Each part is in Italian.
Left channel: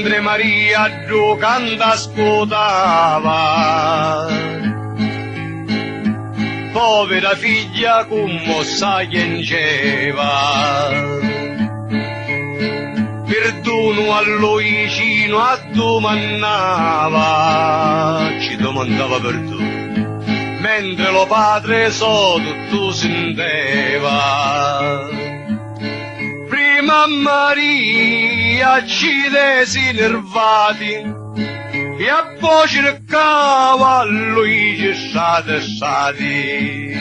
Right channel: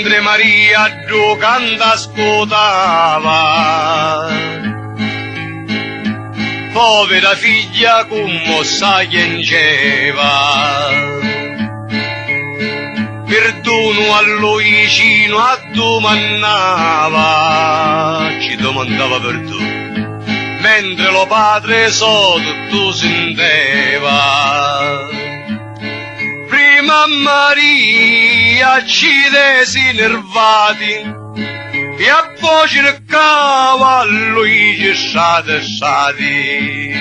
mentre Maria giocando ascoltava. Povera figlia commossa piangeva. Perdono a Luigino a domandava, ci domandava perdono, mentre lo padre tutto senteva. Prima Maria ci desi nervati e a poi cercava a Luigi stati.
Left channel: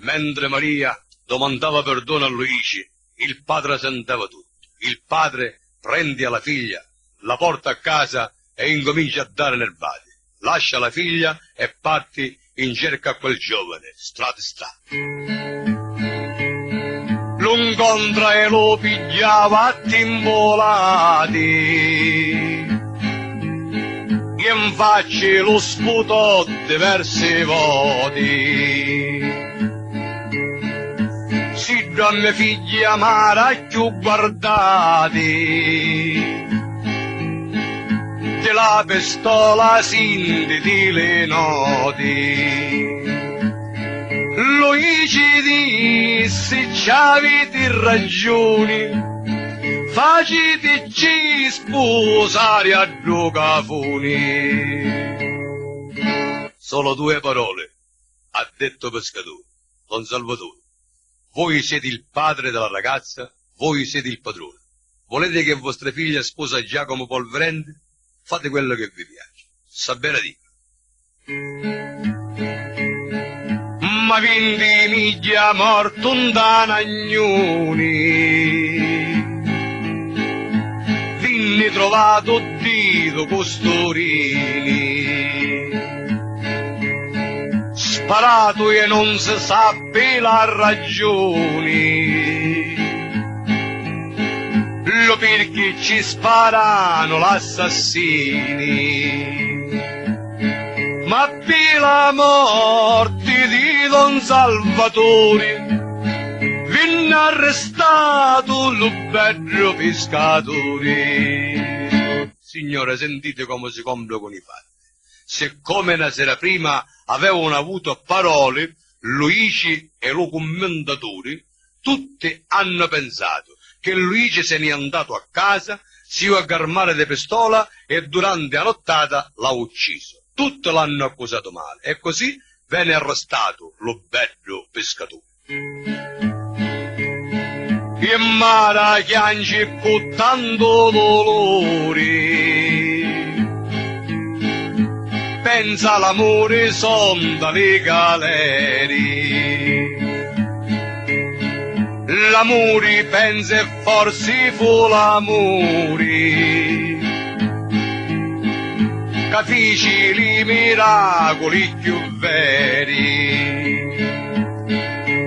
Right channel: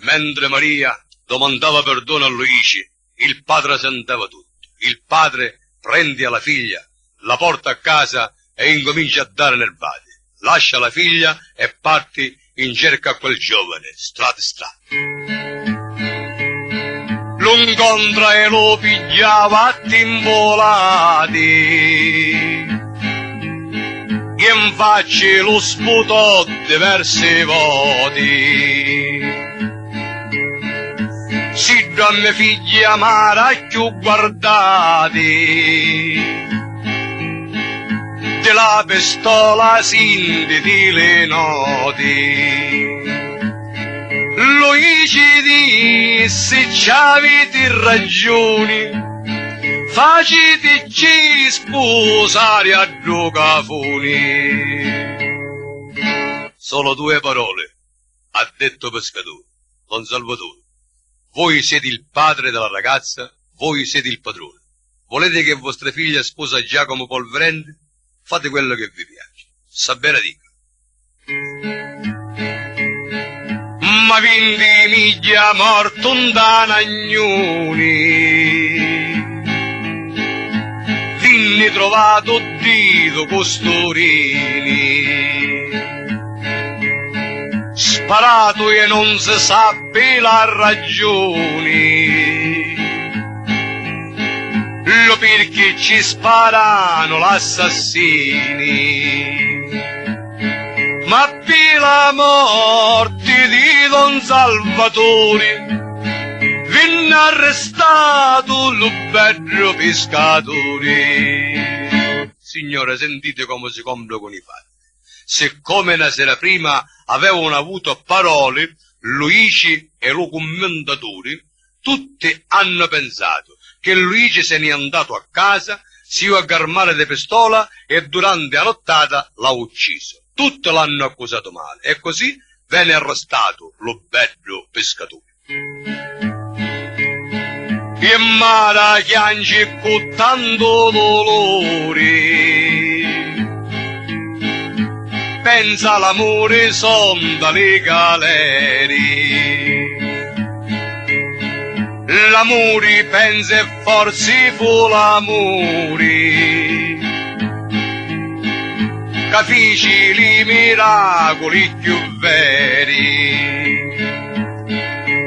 Mentre Maria domandava perdono a Luigi, il padre senteva tutto. Il padre prende la figlia, la porta a casa e incomincia a dare nervati. Lascia la figlia e parte in cerca a quel giovane, strada. Lo incontra e lo pigliava a timbolati. E in faccia lo sputò diverse voti. Si donne figli amara più guardati, della pistola sintiti le noti. Luigi disse c'avete ragioni, faceteci sposare a due cafoni. Solo due parole ha detto pescatore, Don Salvatore. Voi siete il padre della ragazza, voi siete il padrone. Volete che vostra figlia sposa Giacomo Polverente? Fate quello che vi piace. Sa bene dico. Ma vindi miglia morto un danagnoni, vinni trovato dito costorini. Sparato e non si sappe la ragione, lo perché ci sparano l'assassini. Ma per la morte di Don Salvatore venne arrestato lo bello pescatore. Signore, sentite come si compra con i fatti. Siccome una sera prima avevano avuto parole, Luigi e lo commendatore, tutti hanno pensato che Luigi se n'è andato a casa, si è armato di pistola e durante la nottata l'ha ucciso. Tutti l'hanno accusato male e così venne arrestato lo bello pescatore. E Mara piange con tanto dolore, pensa l'amore son dalle galere. L'amore pensa e forse fu l'amore che fece i miracoli più veri.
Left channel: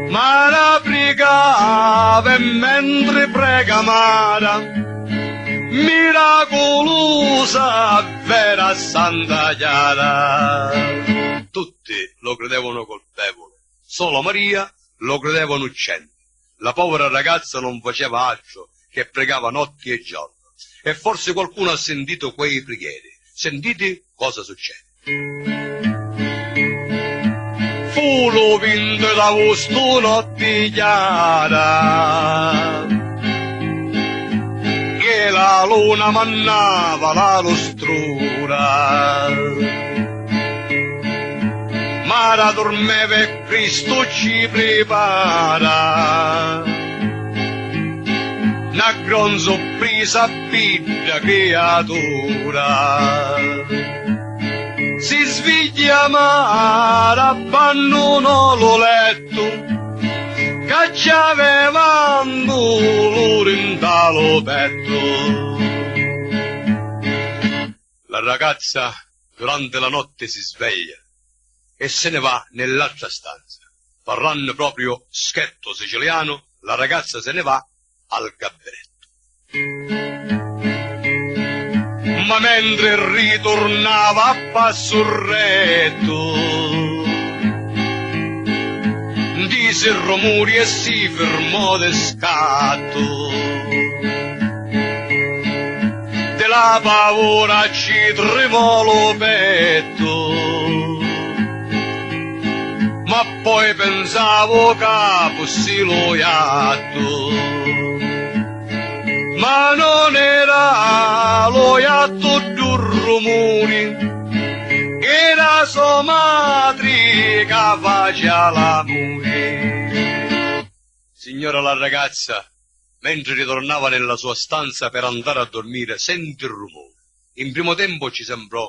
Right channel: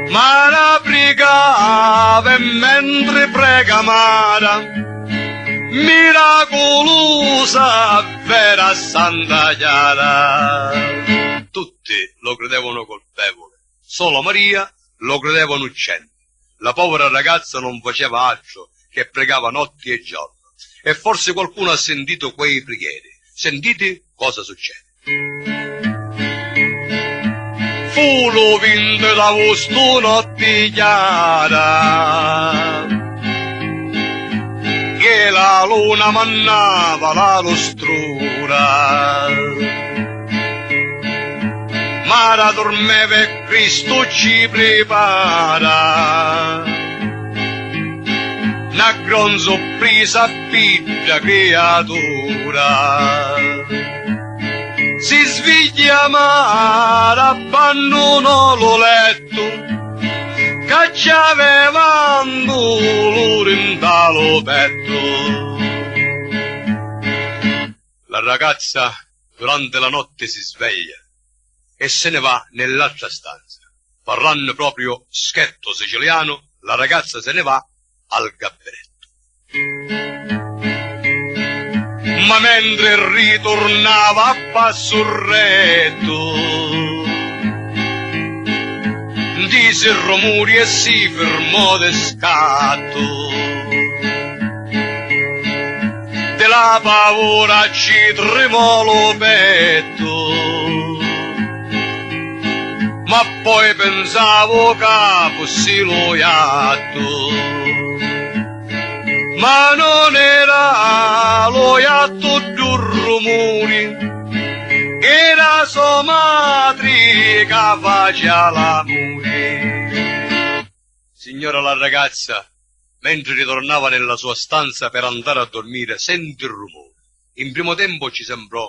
Mara pregava e mentre prega Mara, miracolosa vera Santa Chiara. Tutti lo credevano colpevole, solo Maria lo credeva innocente. La povera ragazza non faceva altro che pregava notti e giorni. E forse qualcuno ha sentito quei preghiere. Sentite cosa succede. Fu lo vinto da vostro notte chiara, che la luna mannava la lustrura. Mara dormeva e Cristo ci prepara una gran sorpresa piccola creatura. Si sveglia Mara, abbandonò lo letto che ci aveva un dolore in talo petto. La ragazza durante la notte si sveglia e se ne va nell'altra stanza. Parlando proprio scherzo siciliano, la ragazza se ne va al gabinetto. Ma mentre ritornava a passo retto, disse rumori e si fermò de scatto. da paura ci tremò lo petto, ma poi pensavo che fossi lo iatto, ma non era lo iatto di un rumore, era sua madre che faceva l'amore. Signora la ragazza, mentre ritornava nella sua stanza per andare a dormire, sente il rumore. In primo tempo ci sembrò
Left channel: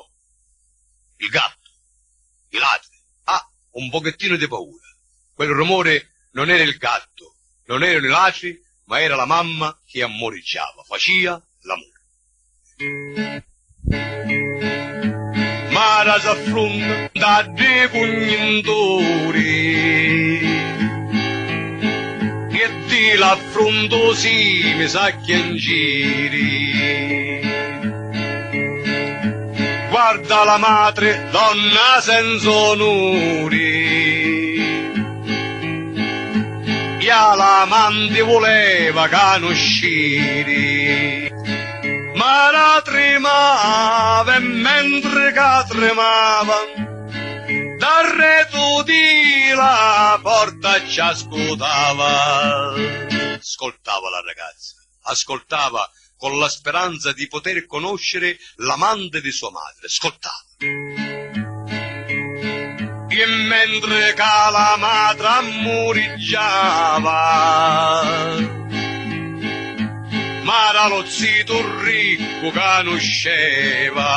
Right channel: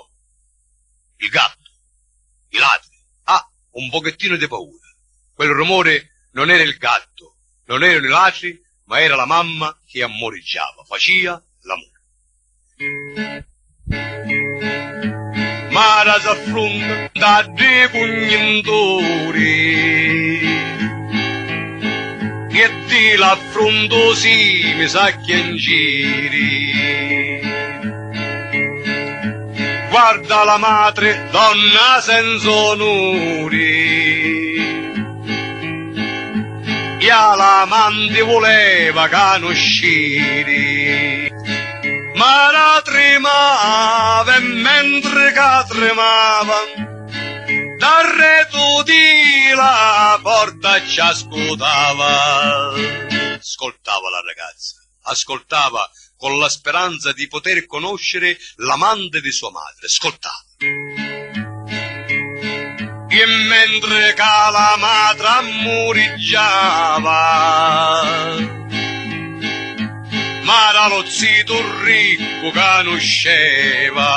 il gatto, i ladri. Un pochettino di paura. Quel rumore non era il gatto, non erano i ladri, ma era la mamma che ammoriggiava, faceva l'amore. Mara s'affronta da dei cognitori e di l'affronto si mi sa che in giri. Guarda la madre, donna senza onori, e l'amante voleva che non usciri, ma la tremava e mentre che tremava, dal retro di la porta ci ascoltava. Ascoltava la ragazza, ascoltava con la speranza di poter conoscere l'amante di sua madre. Ascoltava. E mentre che la madre ammoriggiava, ma era lo zito ricco che conosceva,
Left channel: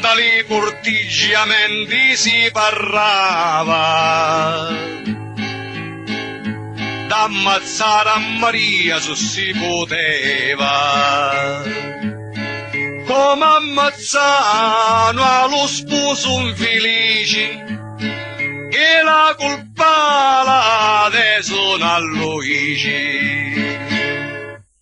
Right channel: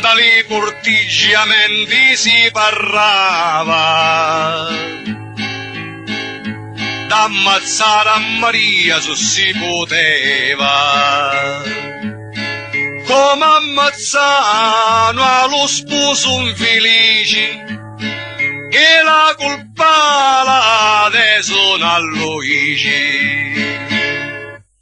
dai corteggiamenti si parlava, d'ammazzare a Maria se si poteva, come ammazzano allo sposo infelice, e la colpa la desono a Luigi.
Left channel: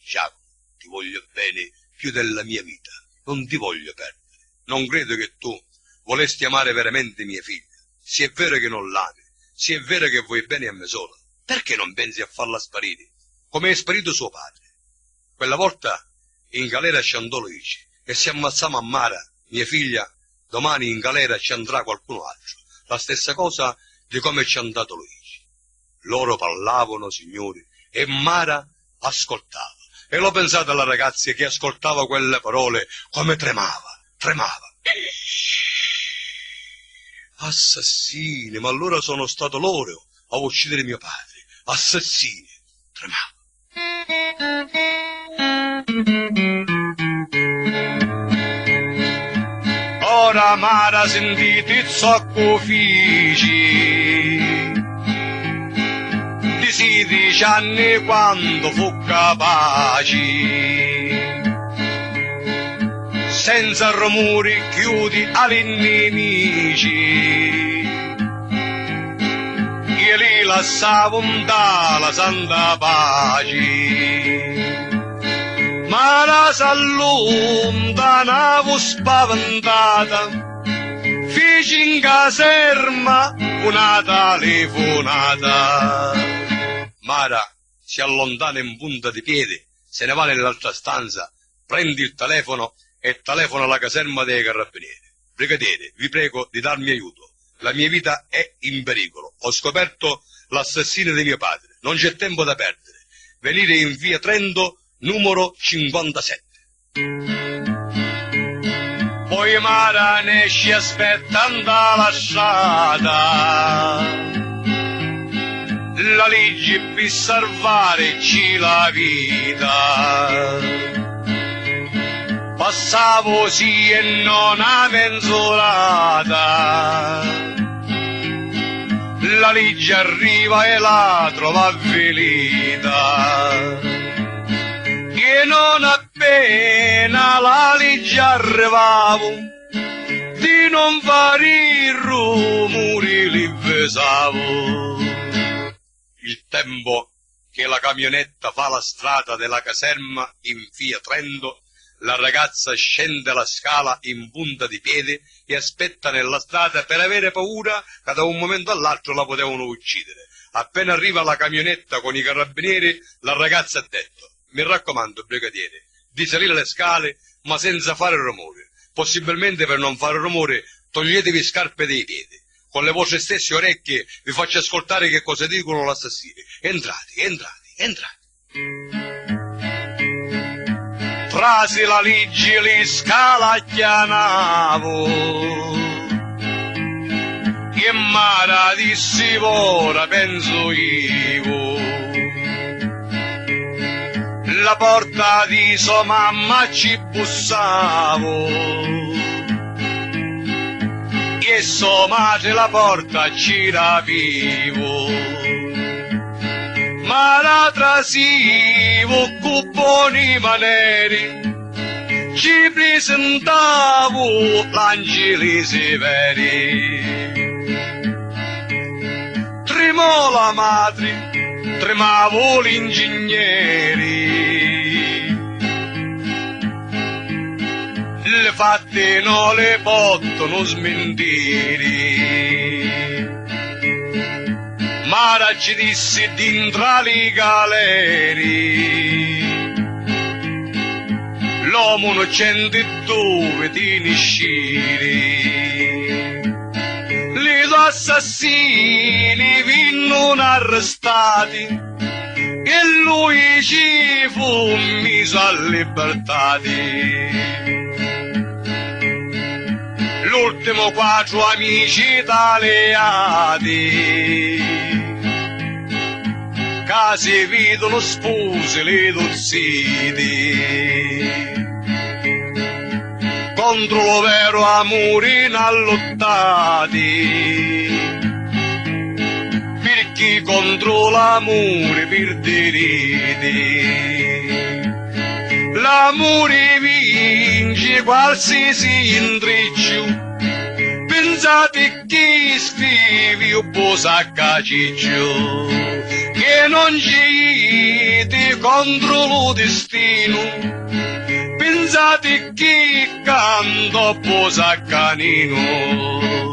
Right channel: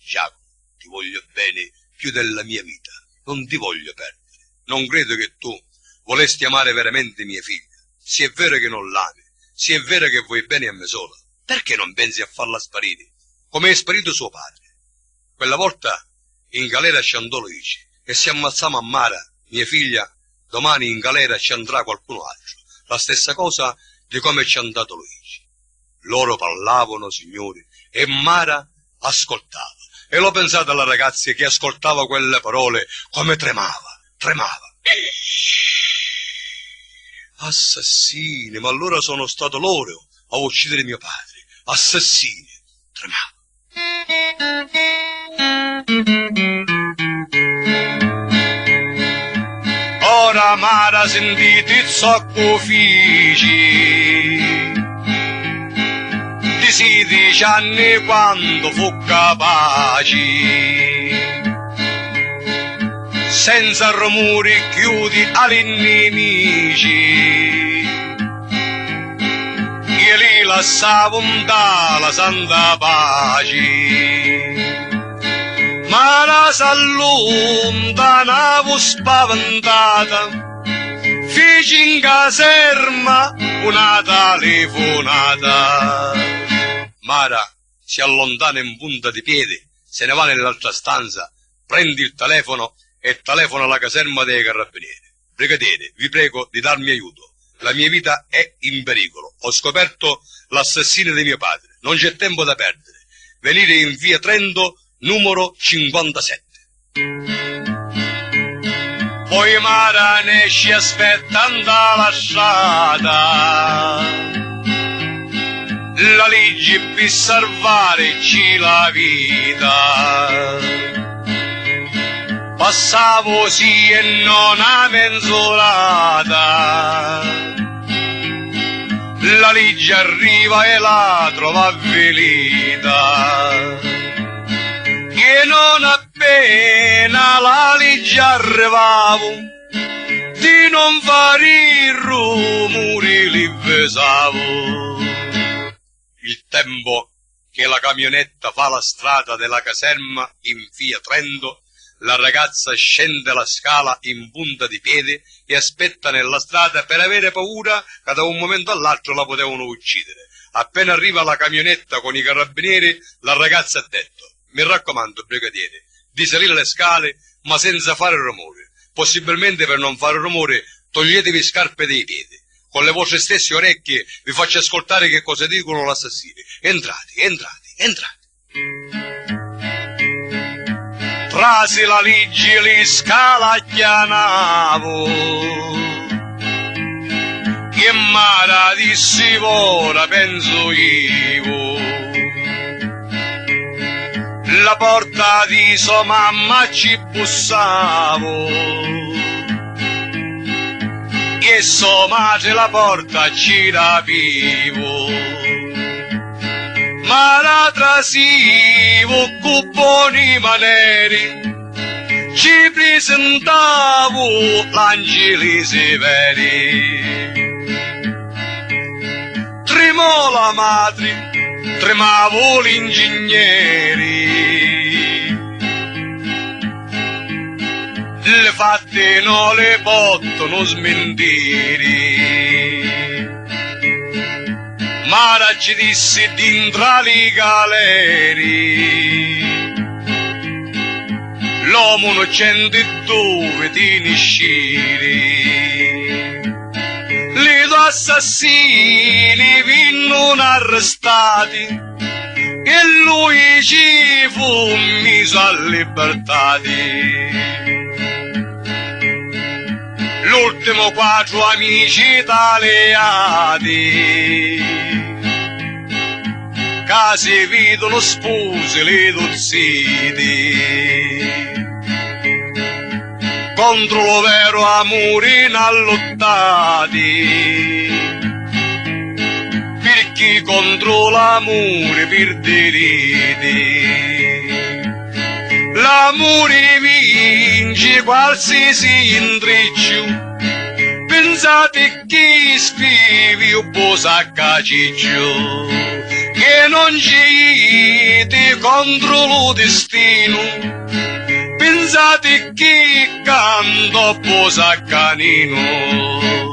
Giacomo, ti voglio bene più della mia vita, non ti voglio perdere. Non credo che tu volesti amare veramente mia figlia. Se è vero che non l'ami, se è vero che vuoi bene a me sola, perché non pensi a farla sparire, come è sparito suo padre? Quella volta in galera ci andò Luigi, e se ammazziamo a Mara, mia figlia, domani in galera ci andrà qualcuno altro. La stessa cosa di come ci è andato Luigi. Loro parlavano, signori, e Mara ascoltava. E l'ho pensato alla ragazza che ascoltava quelle parole come tremava. Assassini, ma allora sono stato loro a uccidere mio padre. Assassini, tremava. Ora Mara sentite il socco figi di 16 anni quando fu capaci, senza rumori chiudi agli nemici, e li lasciavo dalla santa pace. Ma la s'allontanavo spaventata, feci in caserma una telefonata. Mara si allontana in punta di piedi, se ne va nell'altra stanza, prendi il telefono e telefona alla caserma dei carabinieri. Brigadiere, vi prego di darmi aiuto. La mia vita è in pericolo. Ho scoperto l'assassino di mio padre. Non c'è tempo da perdere. Venire in via Trento, numero 57. Poi Mara ne ci aspettando la strada, la legge per salvarci la vita. Passavo sì e non a menzolata, la legge arriva e la trova velita. E non appena la legge arrivavo, di non fare i rumori li pesavo. Il tempo che la camionetta fa la strada della caserma in via Trento, la ragazza scende la scala in punta di piedi e aspetta nella strada per avere paura che da un momento all'altro la potevano uccidere. Appena arriva la camionetta con i carabinieri, la ragazza ha detto: mi raccomando, brigadiere, di salire le scale ma senza fare rumore. Possibilmente, per non fare rumore, toglietevi scarpe dai piedi. Con le vostre stesse orecchie vi faccio ascoltare che cosa dicono gli assassini. Entrate, entrate, entrate. Trasi la legge li scalacchianavo, che mara dissi ora penso io. La porta di sua mamma ci bussavo, e sua madre la porta ci rapivo, ma la trasivo con buoni maneri, ci presentavo l'angeli severi. Tremò la madre, tremavo l'ingegneri, le fatte non le possono smentire, ma ci disse dentro i galeri, l'uomo non c'è dove ti niscire. Gli assassini vengono arrestati e lui ci fu messo a libertà. L'ultimo 4 amici italiani che si vedono spose le dozzine, contro lo vero amore in allottati, perché contro l'amore perderete. L'amore vince qualsiasi intreccio, pensate che scrivi un po' saccaciccio, che non ci contro lo destino, pensate che canto un po' saccanino.